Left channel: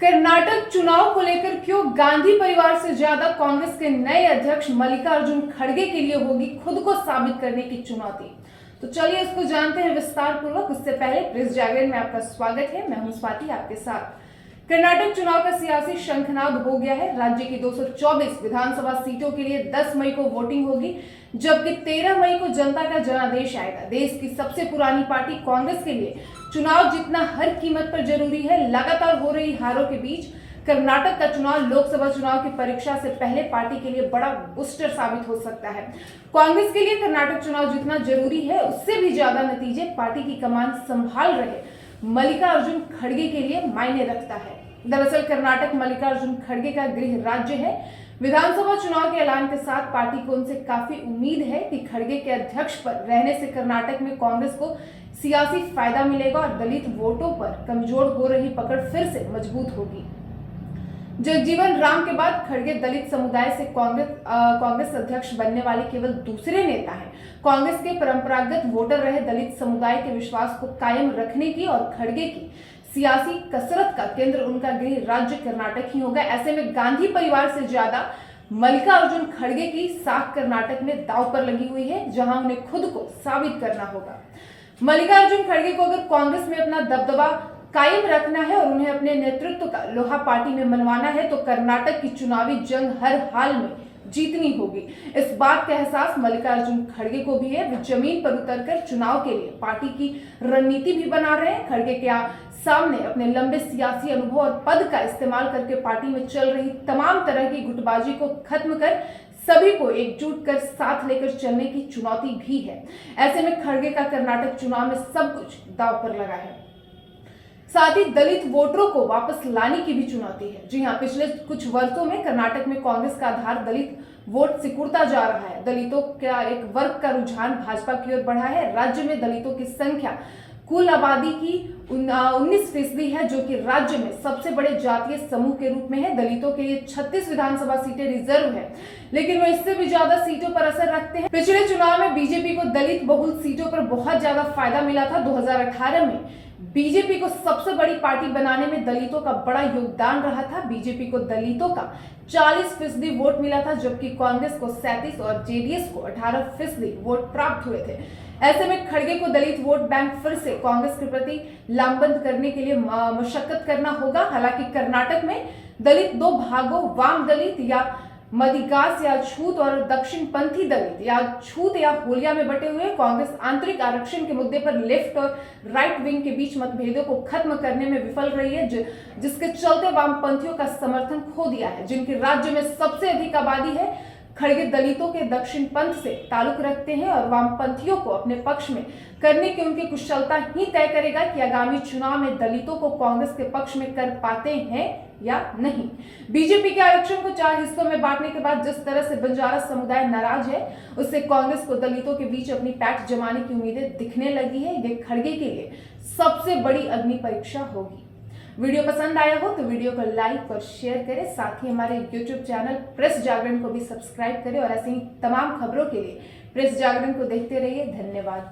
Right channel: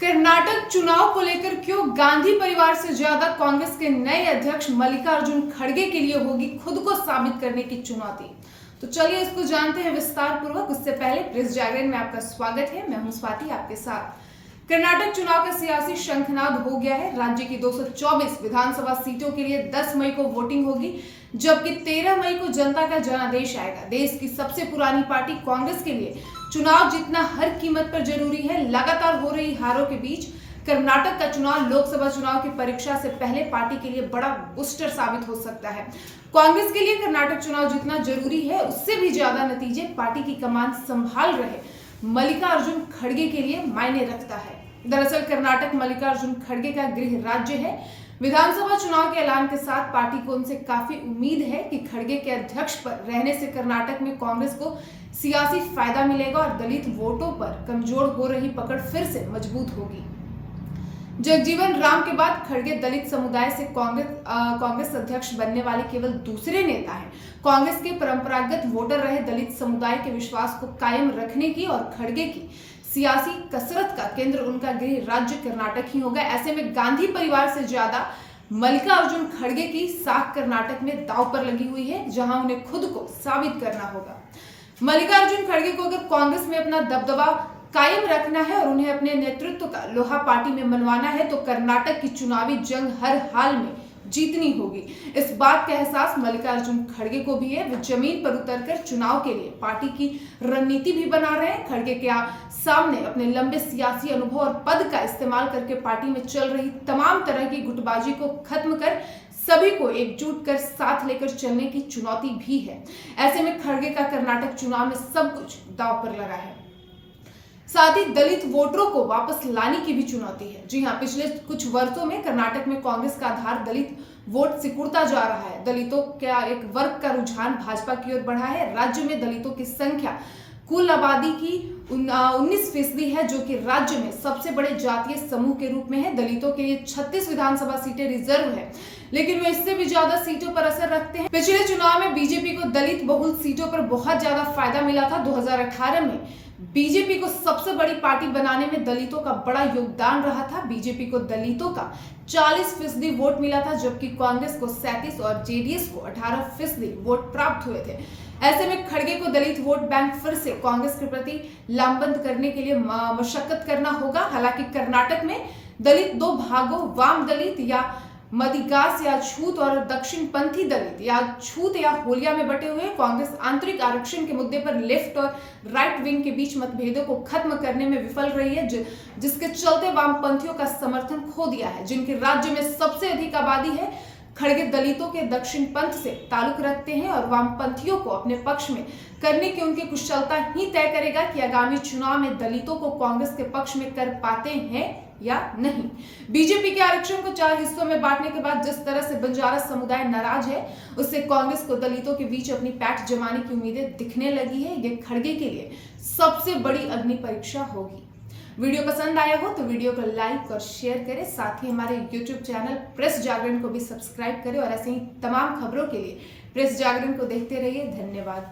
कर्नाटक चुनाव को लेकर क्यों गांधी परिवार से ज्यादा कांग्रेस के नए अध्यक्ष मल्लिकार्जुन खड़गे के लिए होगी खुद को साबित करने की चुनौती। तो चलिए इसको जानते हैं विस्तार पूर्वक। उससे पहले प्रेस जागरण में आपका स्वागत है। मैं हूं स्वाति आपके साथ। कर्नाटक चुनाव का सियासी शंखनाद हो गया है। राज्य की 224 विधानसभा सीटों के लिए 10 मई को वोटिंग होगी, जबकि 13 मई को जनता का जनादेश आएगा। देश की सबसे पुरानी पार्टी कांग्रेस के लिए चुनाव जीतना हर कीमत पर जरूरी है। लगातार हो रही हारों के बीच कर्नाटक का चुनाव लोकसभा चुनाव की परीक्षा से पहले पार्टी के लिए बड़ा बूस्टर साबित हो सकता है। कांग्रेस के लिए कर्नाटक चुनाव जितना जरूरी है, उससे भी ज्यादा नतीजे पार्टी की कमान संभाल रहे मल्लिकार्जुन खड़गे के लिए मायने रखता है। दरअसल कर्नाटक मल्लिकार्जुन खड़गे का गृह राज्य है। विधानसभा चुनाव के ऐलान के साथ पार्टी को उनसे काफी उम्मीद है कि खड़गे के अध्यक्ष पर रहने से कर्नाटक में कांग्रेस को सियासी फायदा मिलेगा और दलित वोटों पर कमजोर हो रही पकड़ फिर से मजबूत होगी। जगजीवन राम के बाद खड़गे दलित समुदाय से कांग्रेस अध्यक्ष बनने वाले केवल दूसरे नेता हैं। कांग्रेस के परंपरागत वोटर रहे दलित समुदाय के विश्वास को कायम रखने की और खड़गे की सियासी कसरत का केंद्र उनका गृह राज्य कर्नाटक ही होगा। ऐसे में गांधी परिवार से ज्यादा मल्लिकार्जुन खड़गे की साख कर्नाटक में दांव पर लगी हुई है, जहां उन्हें खुद को साबित करना होगा। मल्लिकार्जुन खड़गे को अगर कांग्रेस में अपना दबदबा कायम रखना है और उन्हें अपने नेतृत्व का लोहा पार्टी में मनवाना है, तो कर्नाटक की चुनावी जंग हर हाल में जीतनी होगी। इस बात का एहसास मल्लिकार्जुन खड़गे को भी है। वे जमीन पर उतरकर चुनाव के लिए पार्टी की रणनीति भी बना रहे हैं। खड़गे के सामने अपने लंबे सियासी अनुभव और पद का इस्तेमाल करके पार्टी में चल रही तमाम तरह की गुटबाजी को खत्म कर सभी को एकजुट कर साथ लेकर चलने की चुनौती भी है। ऐसे में खड़गे का कर्नाटक चुनाव में सब कुछ दांव पर लगा है। साथ ही दलित वोटरों को वापस लाने की भी चुनौती है। जी हां, पिछले कुछ वर्षों में कर्नाटक में कांग्रेस का आधार दलित वोट सिकुड़ता जा रहा है। दलितों का एक वर्ग का रुझान भाजपा की ओर बढ़ा है। राज्य में दलितों की संख्या कुल आबादी की 19% है, जो कि राज्य में सबसे बड़े जातीय समूह के रूप में है। दलितों के लिए 36 विधानसभा सीटें रिजर्व है, लेकिन वो इससे भी ज्यादा सीटों पर असर रखते हैं। पिछले चुनाव में बीजेपी को दलित बहुल सीटों पर बहुत ज्यादा फायदा मिला था। 2018 में बीजेपी को सबसे बड़ी पार्टी बनाने में दलितों का बड़ा योगदान रहा था। बीजेपी को दलितों का 40% वोट मिला था, जबकि कांग्रेस को 37 और जेडीएस को 18% वोट प्राप्त हुए थे। ऐसे में खड़गे को दलित वोट बैंक फिर से कांग्रेस के प्रति लामबंद करने के लिए मशक्कत करना होगा। हालांकि कर्नाटक में दलित दो भागों, वाम दलित या मदिगास या छूत और दक्षिण पंथी दलित या छूत या होलिया में बटे हुए। कांग्रेस आंतरिक आरक्षण के मुद्दे पर लेफ्ट और राइट विंग के बीच मतभेदों को खत्म करने में विफल रही है, जिसके चलते वामपंथियों का समर्थन खो दिया है। जिनके राज्य में सबसे अधिक आबादी है, खड़गे दलितों के दक्षिण पंथ से ताल्लुक रखते हैं और वामपंथियों को अपने पक्ष में करने की उनकी कुशलता ही तय करेगा कि आगामी चुनाव में दलितों को कांग्रेस के पक्ष में कर पाते हैं या नहीं। बीजेपी के आरक्षण को 4 हिस्सों में बांटने के बाद जिस तरह से बंजारा समुदाय नाराज है, उससे कांग्रेस को दलितों के बीच अपनी पैठ जमाने की उम्मीदें दिखने लगी है। ये खड़गे के लिए सबसे बड़ी अग्नि परीक्षा होगी। वीडियो पसंद आया हो तो वीडियो को लाइक और शेयर करें। साथ ही हमारे YouTube चैनल प्रेस जागरण को भी सब्सक्राइब करें और ऐसे ही तमाम खबरों के लिए प्रेस जागरण को देखते रहिए। धन्यवाद।